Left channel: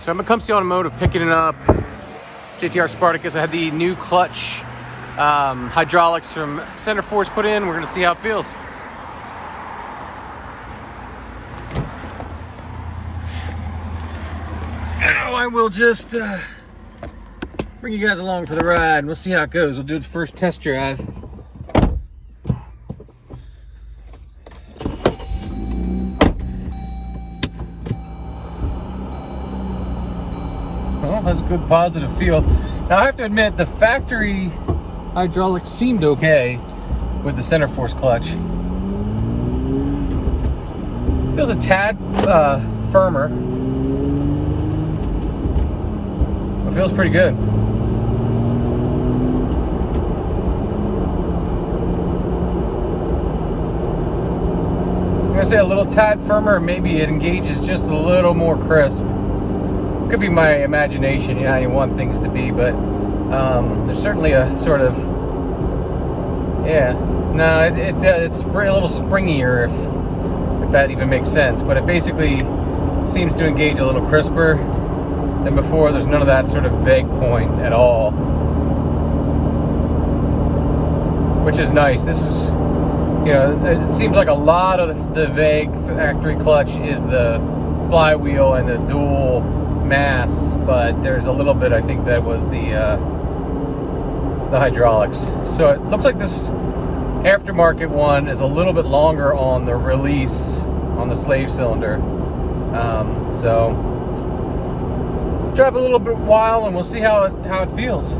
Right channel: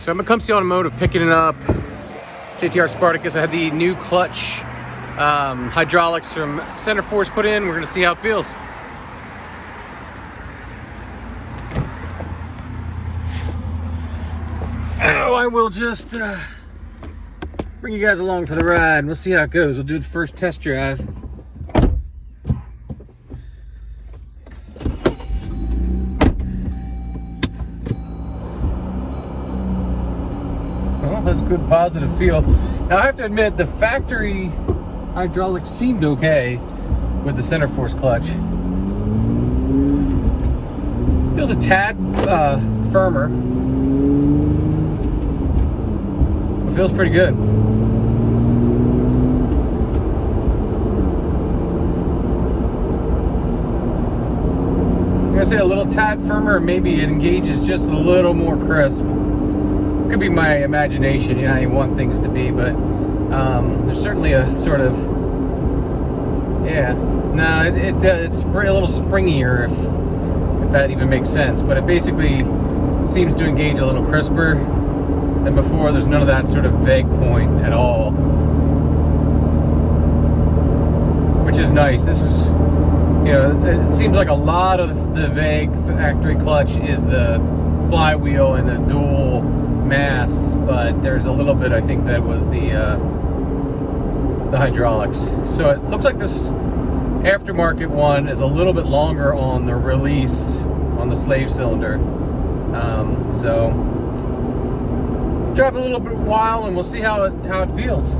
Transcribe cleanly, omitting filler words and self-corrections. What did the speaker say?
So I'm at Comfy Automotive picking it up. JTR Spartacus. I had the new clutch hydraulics from Centerforce put in. We're gonna see how it feels. Oh, I will just bring you guys along for the ride. We'll see how it goes. We'll do its first test drive. Well, that's a good positive feel. Now I have to admit, the factory hydraulics seemed okay with the Centerforce clutch. Feels a tad firmer. It feels pretty good. I'm gonna say a little tad firmer, maybe it engages just a little more crisp. Could be my imagination, you know how you want things to be, but there's certainly a sort of, yeah, no, it's a little springier, if that even makes sense, but it basically seems to engage a little crisper than before. There's none of that sort of vague point at all, which is nice. This is, you know, it seems like a lot of the vague factory clutch is the flywheel and the dual mass, but there's a little bit, I think, that was the hydraulics. So it looks like this aftermarket one is a little bit longer on the release on the slave cylinder. So drive a little bit while and we'll see how it feels.